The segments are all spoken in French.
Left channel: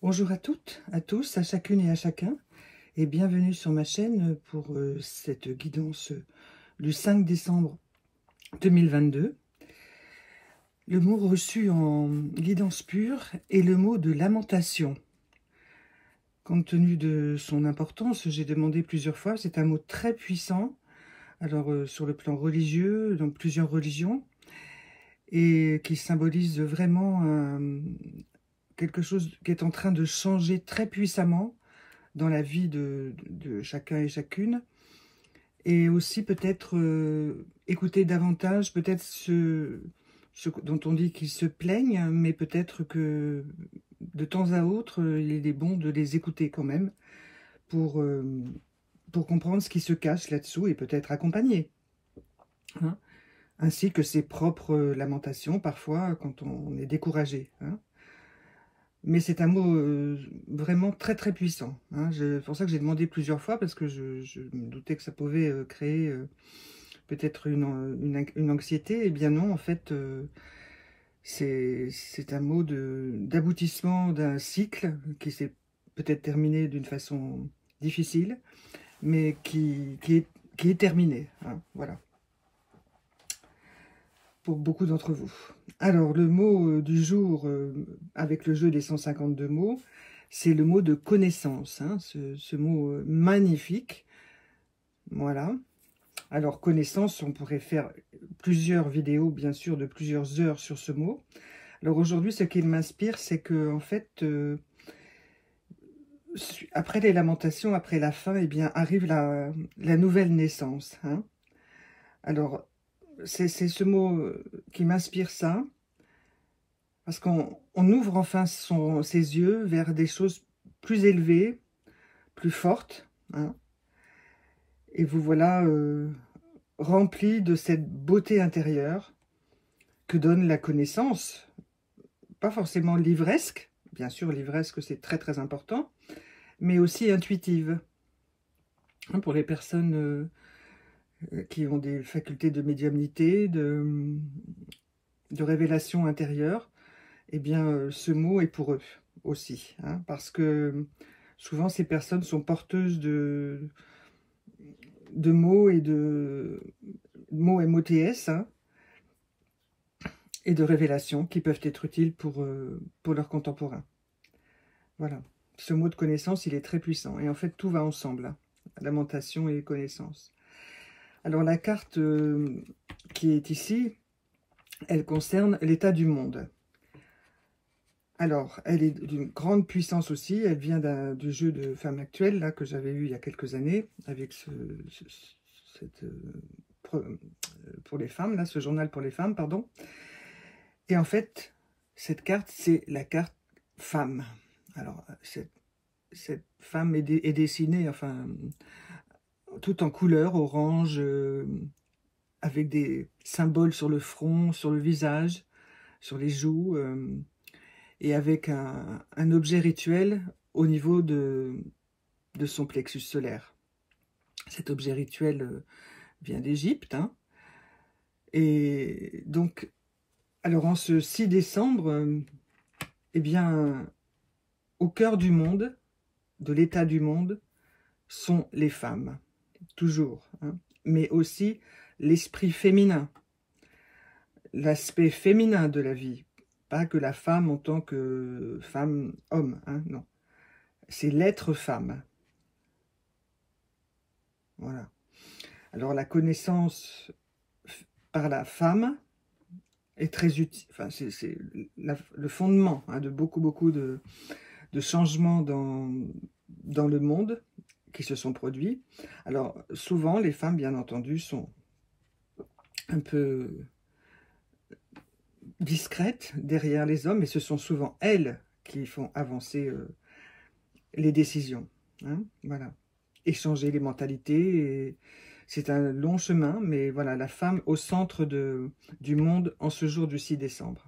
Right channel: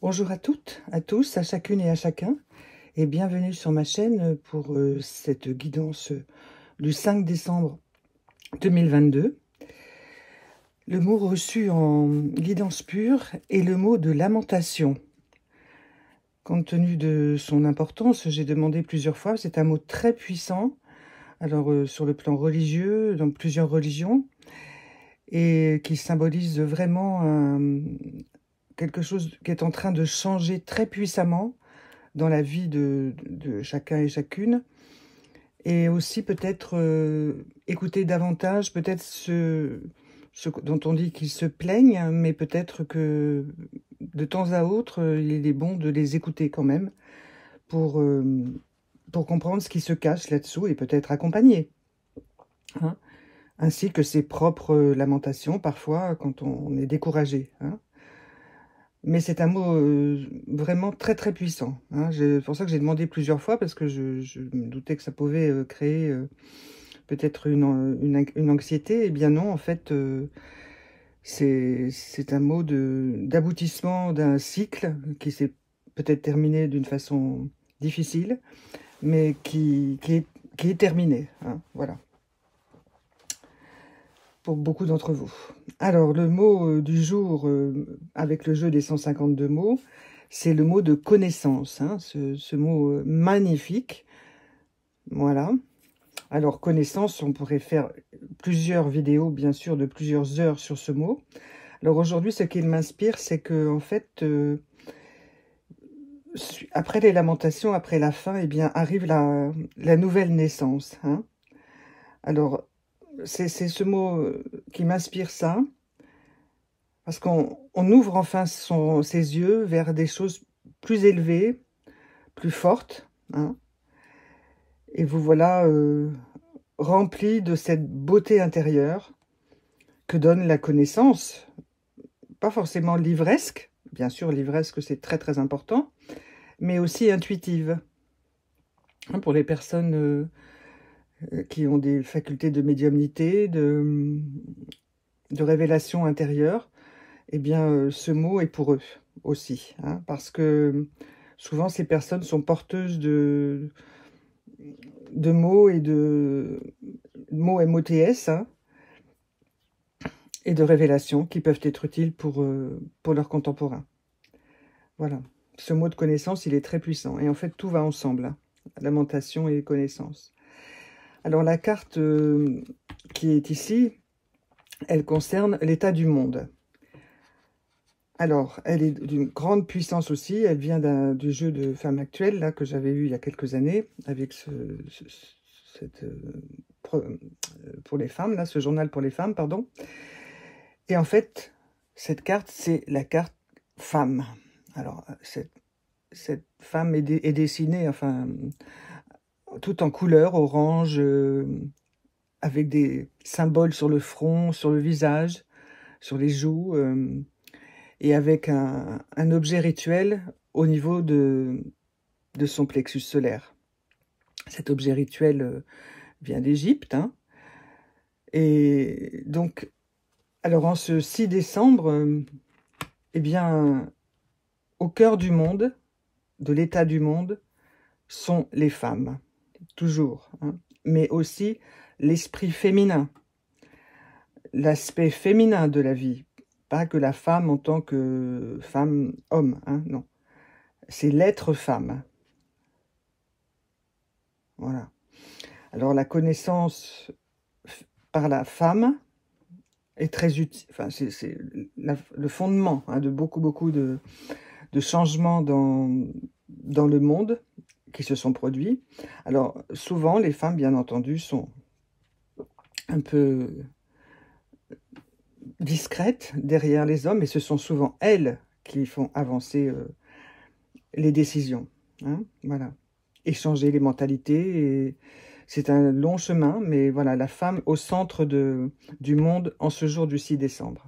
Bonjour à toutes, à tous, à chacune et à chacun, et bienvenue sur ma chaîne pour cette guidance du 5 décembre 2022. Le mot reçu en guidance pure est le mot de lamentation. Compte tenu de son importance, j'ai demandé plusieurs fois, c'est un mot très puissant, alors sur le plan religieux, dans plusieurs religions, et qui symbolise vraiment quelque chose qui est en train de changer très puissamment dans la vie de chacun et chacune, et aussi peut-être écouter davantage peut-être ce dont on dit qu'ils se plaignent, mais peut-être que de temps à autre, il est bon de les écouter quand même pour comprendre ce qui se cache là-dessous et peut-être accompagner, hein, ainsi que ses propres lamentations parfois quand on est découragé, hein. Mais c'est un mot vraiment très très puissant, hein. C'est pour ça que j'ai demandé plusieurs fois, parce que je me doutais que ça pouvait créer peut-être une anxiété. Eh bien non, en fait, c'est un mot d'aboutissement d'un cycle qui s'est peut-être terminé d'une façon difficile, mais qui est terminé, hein, voilà, pour beaucoup d'entre vous. Alors, le mot du jour, avec le jeu des 152 mots, c'est le mot de connaissance, hein, ce mot magnifique. Voilà. Alors, connaissance, on pourrait faire plusieurs vidéos, bien sûr, de plusieurs heures sur ce mot. Alors, aujourd'hui, ce qu'il m'inspire, c'est que, en fait, après les lamentations, après la fin, eh bien, arrive la nouvelle naissance, hein. Alors, c'est ce mot qui m'inspire ça, parce qu'on ouvre enfin ses yeux vers des choses plus élevées, plus fortes, hein, et vous voilà rempli de cette beauté intérieure que donne la connaissance. Pas forcément livresque, bien sûr livresque c'est très très important, mais aussi intuitive, hein, pour les personnes qui ont des facultés de médiumnité, de révélation intérieure. Eh bien, ce mot est pour eux aussi, hein, parce que souvent, ces personnes sont porteuses de mots et de mots MOTS, hein, et de révélations qui peuvent être utiles pour leurs contemporains. Voilà. Ce mot de connaissance, il est très puissant. Et en fait, tout va ensemble, hein, lamentation et connaissance. Alors, la carte qui est ici, elle concerne l'état du monde. Alors, elle est d'une grande puissance aussi. Elle vient du jeu de Femme Actuelle, là, que j'avais eu il y a quelques années, avec pour les femmes, là, ce journal pour les femmes, pardon. Et en fait, cette carte, c'est la carte femme. Alors, cette femme est dessinée, enfin, tout en couleur, orange, avec des symboles sur le front, sur le visage, sur les joues, et avec un objet rituel au niveau de son plexus solaire. Cet objet rituel vient d'Égypte, hein. Et donc, alors en ce 6 décembre, eh bien, au cœur du monde, de l'état du monde, sont les femmes, toujours, hein, mais aussi l'esprit féminin, l'aspect féminin de la vie, pas que la femme en tant que femme-homme, hein, non. C'est l'être femme. Voilà. Alors, la connaissance par la femme est très utile. Enfin, c'est le fondement, hein, de beaucoup de changements dans le monde qui se sont produits. Alors, souvent, les femmes, bien entendu, sont un peu discrètes derrière les hommes, et ce sont souvent elles qui font avancer les décisions, hein, voilà. Échanger les mentalités, c'est un long chemin, mais voilà, la femme au centre du monde en ce jour du 6 décembre.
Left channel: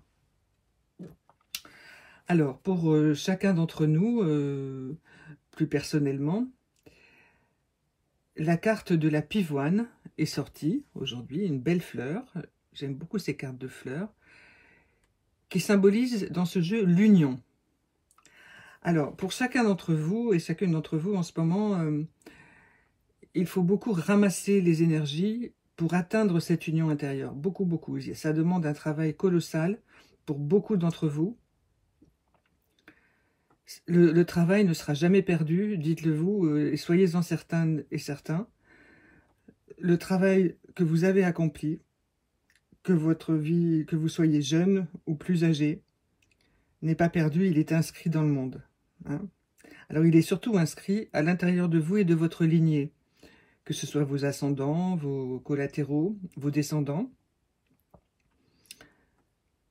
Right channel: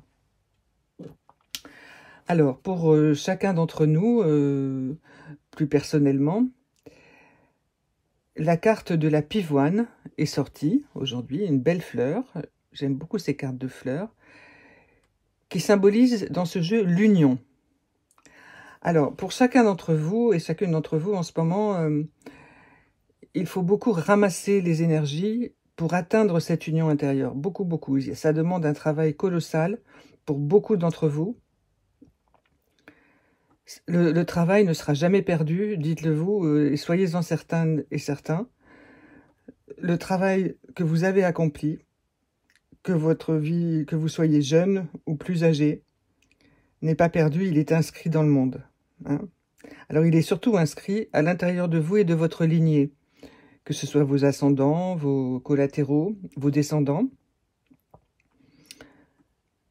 Alors, pour chacun d'entre nous, plus personnellement, la carte de la pivoine est sortie aujourd'hui, une belle fleur. J'aime beaucoup ces cartes de fleurs, qui symbolisent dans ce jeu l'union. Alors, pour chacun d'entre vous et chacune d'entre vous, en ce moment, il faut beaucoup ramasser les énergies pour atteindre cette union intérieure. Beaucoup, beaucoup. Ça demande un travail colossal pour beaucoup d'entre vous. Le travail ne sera jamais perdu, dites-le vous, et soyez-en certains et certains. Le travail que vous avez accompli, que votre vie, que vous soyez jeune ou plus âgé, n'est pas perdu, il est inscrit dans le monde. Hein. Alors il est surtout inscrit à l'intérieur de vous et de votre lignée, que ce soit vos ascendants, vos collatéraux, vos descendants.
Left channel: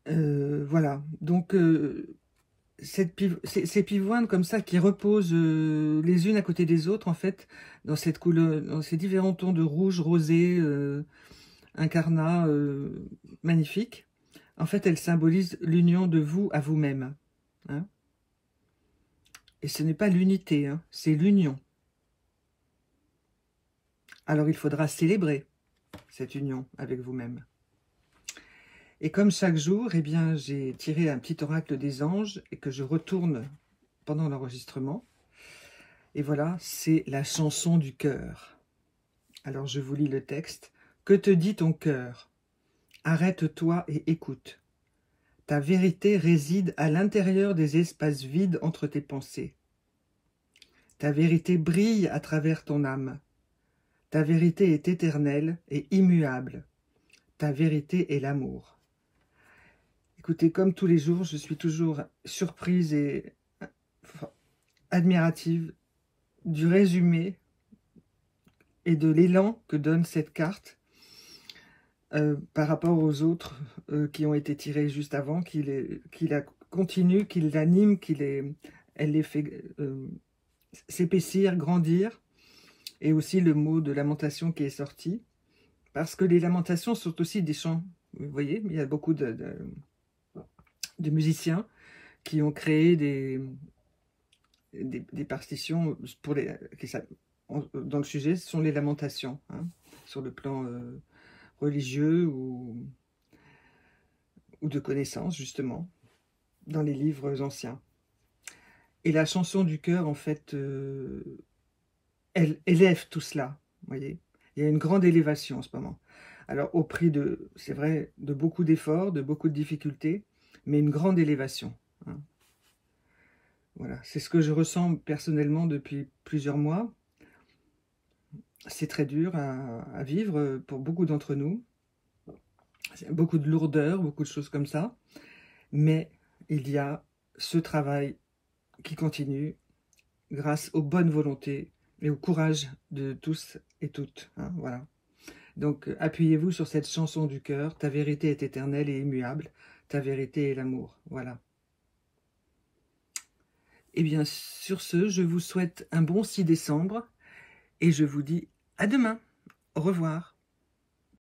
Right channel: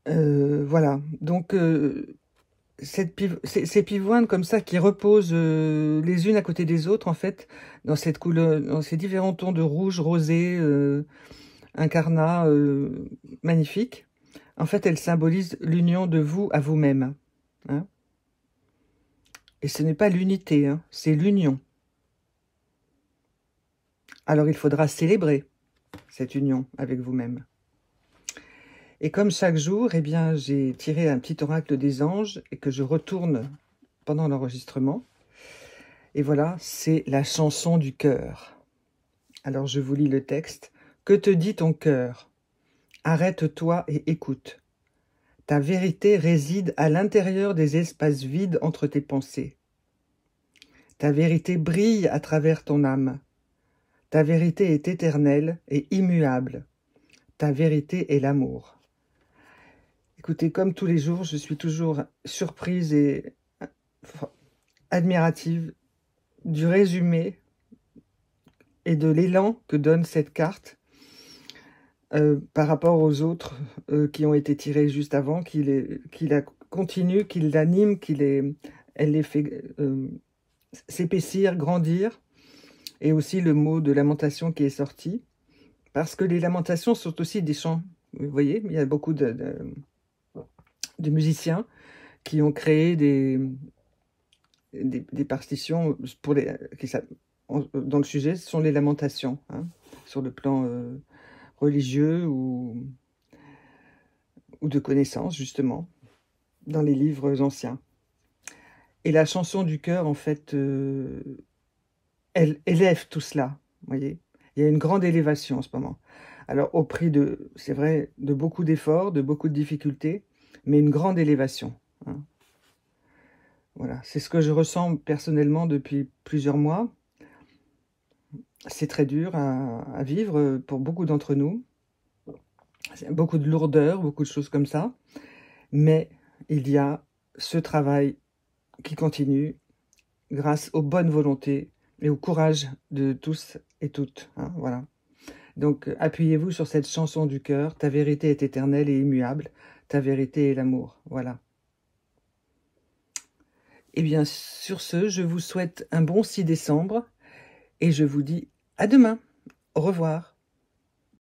Voilà, donc ces pivoines comme ça qui reposent les unes à côté des autres, en fait, dans cette couleur, dans ces différents tons de rouge, rosé, incarnat, magnifique. En fait, elles symbolisent l'union de vous à vous-même. Hein. Et ce n'est pas l'unité, hein, c'est l'union. Alors il faudra célébrer cette union avec vous-même. Et comme chaque jour, eh bien, j'ai tiré un petit oracle des anges et que je retourne pendant l'enregistrement. Et voilà, c'est la chanson du cœur. Alors je vous lis le texte. Que te dit ton cœur? Arrête-toi et écoute. Ta vérité réside à l'intérieur des espaces vides entre tes pensées. Ta vérité brille à travers ton âme. Ta vérité est éternelle et immuable. Ta vérité est l'amour. Écoutez, comme tous les jours, je suis toujours surprise et admirative du résumé et de l'élan que donne cette carte par rapport aux autres qui ont été tirés juste avant, qu'il la continue, qu'il l'anime, elle les fait s'épaissir, grandir, et aussi le mot de lamentation qui est sorti, parce que les lamentations sont aussi des chants. Vous voyez, il y a beaucoup de musiciens qui ont créé des partitions pour dont le sujet sont les lamentations, hein, sur le plan religieux ou de connaissances, justement, dans les livres anciens. Et la chanson du cœur, en fait, elle élève tout cela, vous voyez. Il y a une grande élévation en ce moment. Alors, au prix de, c'est vrai, de beaucoup d'efforts, de beaucoup de difficultés, mais une grande élévation. Hein. Voilà, c'est ce que je ressens personnellement depuis plusieurs mois. C'est très dur à vivre pour beaucoup d'entre nous. Beaucoup de lourdeur, beaucoup de choses comme ça. Mais il y a ce travail qui continue grâce aux bonnes volontés et au courage de tous et toutes. Hein, voilà. Donc, appuyez-vous sur cette chanson du cœur. Ta vérité est éternelle et immuable. Ta vérité est l'amour. Voilà. Et bien, sur ce, je vous souhaite un bon 6 décembre et je vous dis à demain. Au revoir.